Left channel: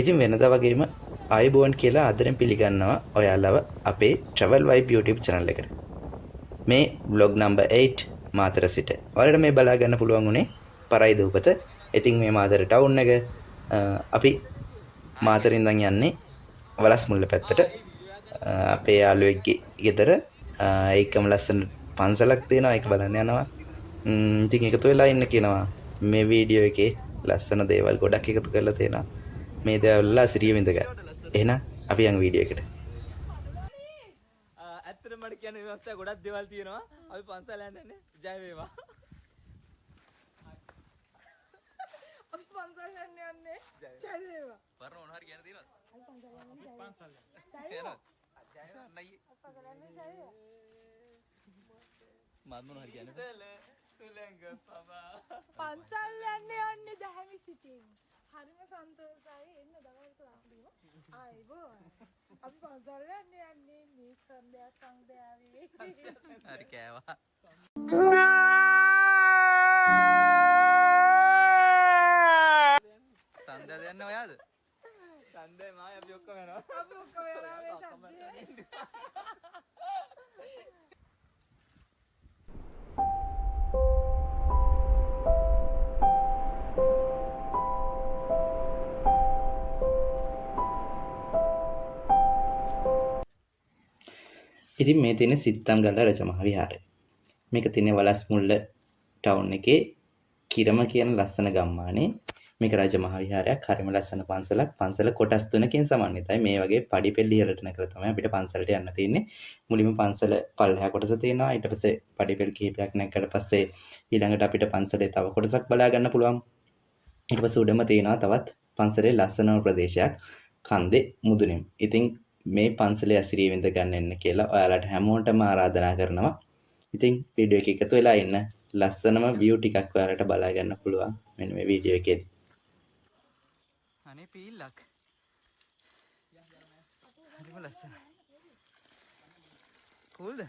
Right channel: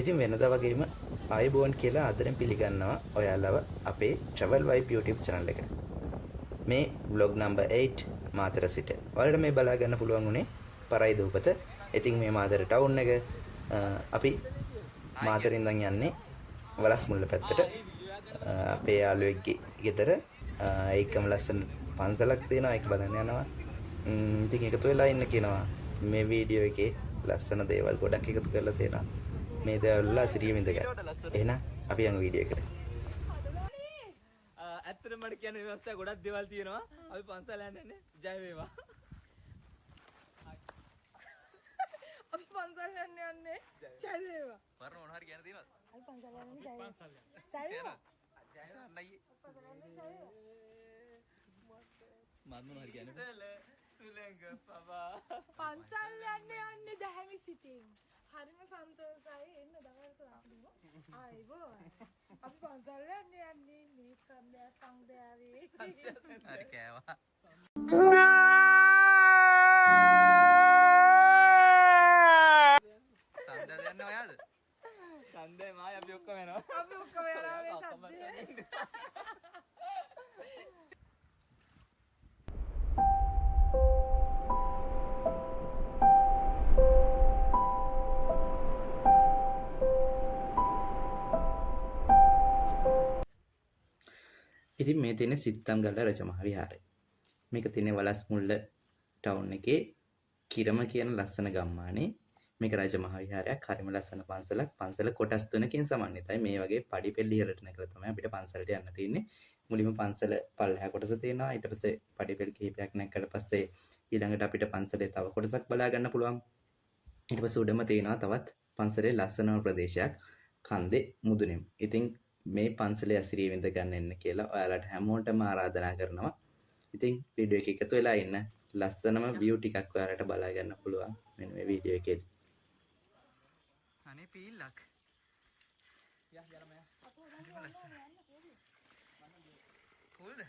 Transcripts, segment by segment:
ඉතින් වෙනදා වගේම ආයුබෝවන් කියලා ආදරෙන් පිළිගන්නවා ඔයාලව අපේ Travel Vibe YouTube channel එකට. මේ vlog number 8 මාතර සිට. ඔයාලට මේ බලා ගන්න පුළුවන් උනේ පරයි දූපත. ඉතින් මේ මාතර ටවුන් එක අපි මාතරින් ඉඳන් යන්නේ වලස්මුල්ල පැත්තට. අපේ යාළුවෙක්ගේ ගෙදර ඒකම ලස්සන පන්සලක් තියෙනවා. ඒක බලන්න යනවා. ඉතින් එකතු වෙලා ඉන්න කියනවා. මේ වීඩියෝ එකේ ලස්සන දේවල් ගොඩක් එකතු කරලා තියෙනවා. මේ දේවල් සිරිය විඳ ගන්න. එහෙනම් අපි යන් වීඩියෝ එකට. ඇත්තටම මට කියන්න ව්‍යවස්ථා ගොඩක් දේවල් තියෙනවා. අපි පන්සල යන්නේ ජය වේවා. අපි පන්සල් යන්නේ ජය වේවා. පරණ මොනවා හරි කියන්න තියෙනවද? අපි පන්සල් යන්නේ ජය වේවා. මම මොනවා හරි කියන්නේ? සුලංග පවා. පන්සල් යන්නේ දැහැමි සිටින්. හරිම සන්තෝෂයි එන්න දවල්ට අපිව. ආයිබෝ. අපි පන්සල් යන්නේ මේ සංදයාවේ. හරි කෑවා. සංදය යන්නේ ඔයාද? සංදය මායි අපි ඔක්කොම එනවා. අපි ඔක්කොම යනවා මේ සද්දේ. ඉතින් මේ තියෙන සිත්තන්ගල රජමහා විහාරය. මේක තියෙන්නේ වලස්මුල්ල ටවුන් එකේ කිරම කියන ලස්සන ගම්මානේ. මේක රජමහා විහාරයක්. හරිම ලස්සන පන්සලක්. පන්සල කොටස් තුනකින් සමන්විතයි. මේ වගේ පඩිපෙළ ඉහළට නැගලා තමයි අපිට පන්සලට යන්න තියෙන්නේ. මුලින්ම පන්සල පල්ලෙහා කොටස තියෙනවා. ඊට පස්සේ පඩිපෙළ කිහිපයක් නැගලා පස්සේ ඊළඟට අපිට පන්සලේ තව කොටසක් බලා ගන්න පුළුවන්. ඊට පස්සේ උඩම තියෙනවා තවත් පන්සලේ ලස්සනම ප්‍රදේශයක් කන්දේ මුදුනේම. ඉතින් මේ පන්සලේ ඇසිරිය විඳ ගන්න එන්න කියලා ඔයාලට හැමෝටම ආරාධනා කරනවා. ඉතින් වීඩියෝ එක එකතු වෙලා ඉන්න ලස්සනම view ටිකක් ඔයාලට බලා ගන්න පුළුවන් මෙන්න මේ වීඩියෝ එකේදී. අනේ පීල්ලක්. හරිම ලස්සන. කූල්ද?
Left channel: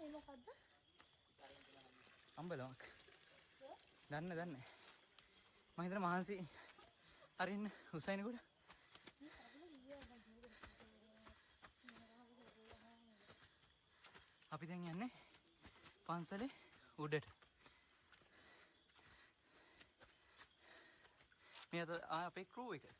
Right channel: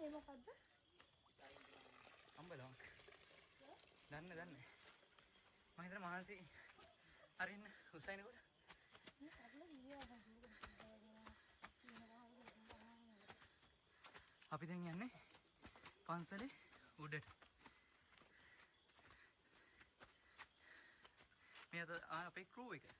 මේ මොකද්ද? අම්බලමක්. දන්නේ. මම හිතන මහන්සි අරින්න හුසයින් කොට. අපි දැන් යන්නේ පන්සලේ උඩට. මේ අපේ ක්‍රූ එක.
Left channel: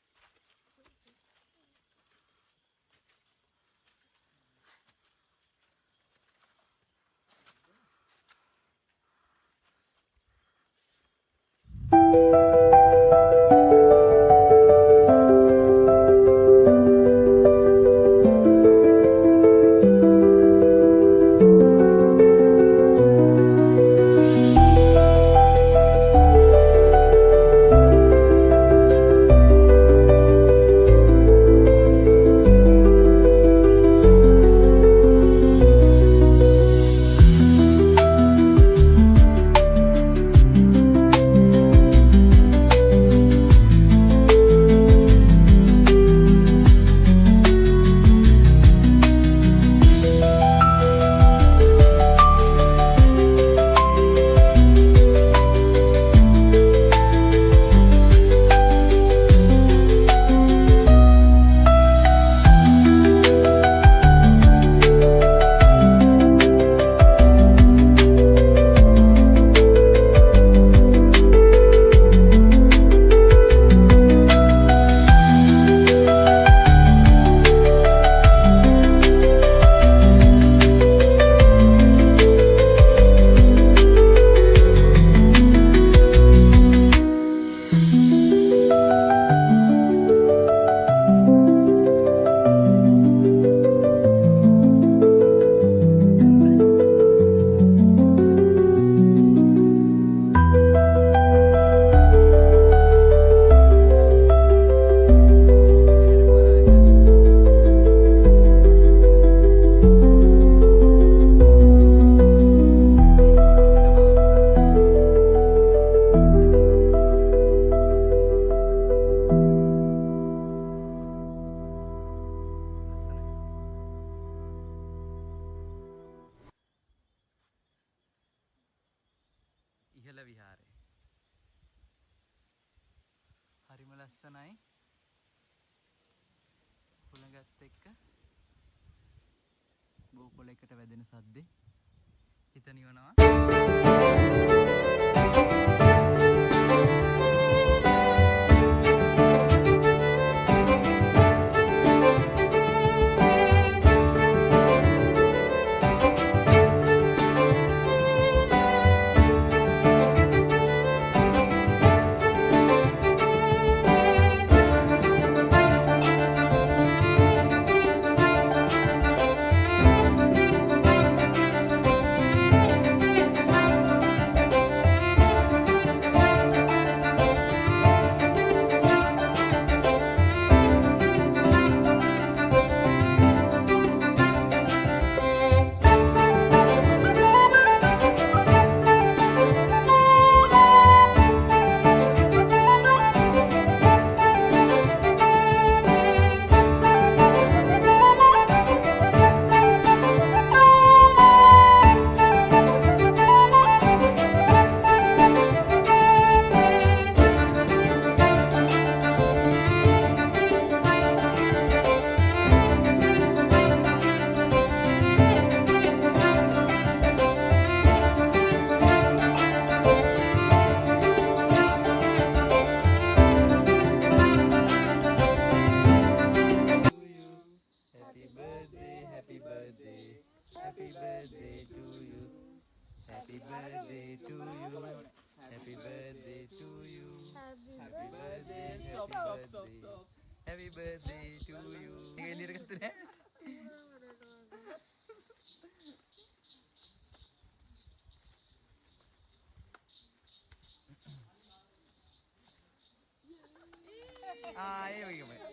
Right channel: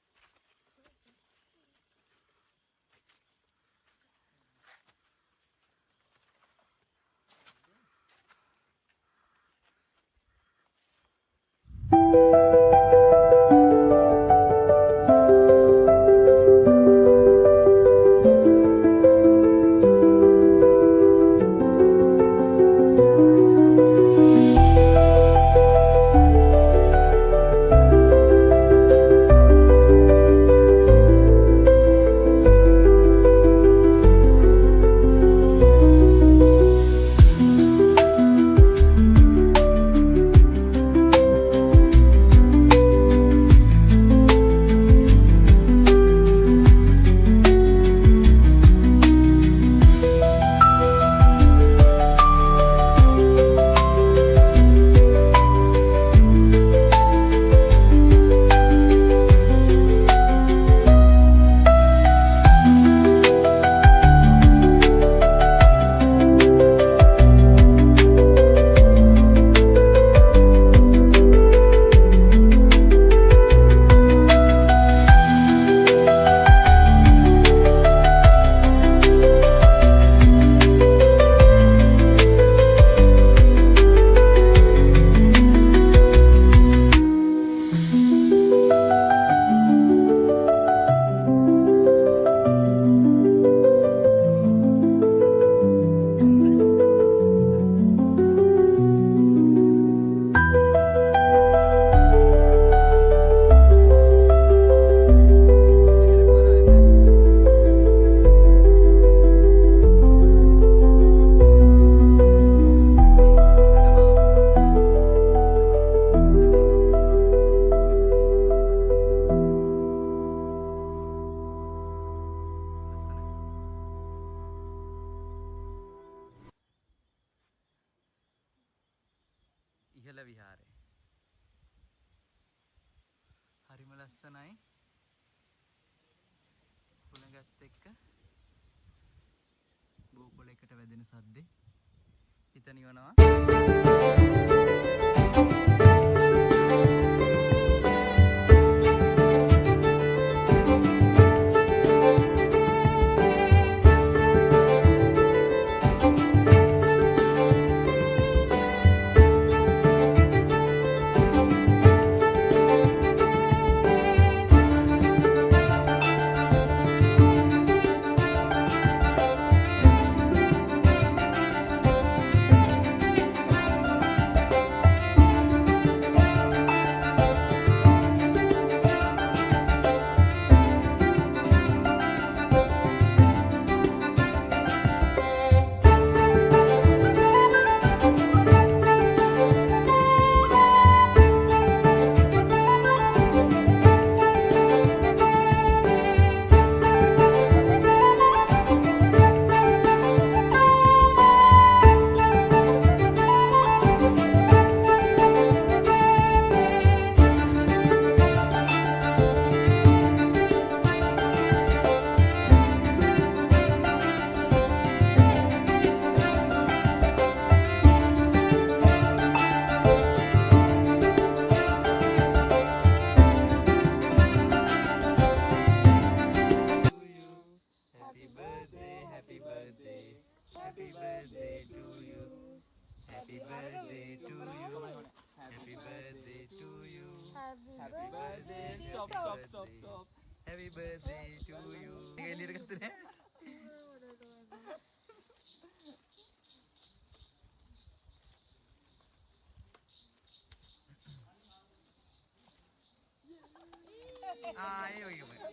ඉහළ විහාරය. හරිම ලස්සනයි. හුළඟත් එක්ක බෝකොලයකට වැදෙන සද්දේ හිත නිවනවා. Happy birthday to you. Ini elir kata ni. Ah, ini bagaimana?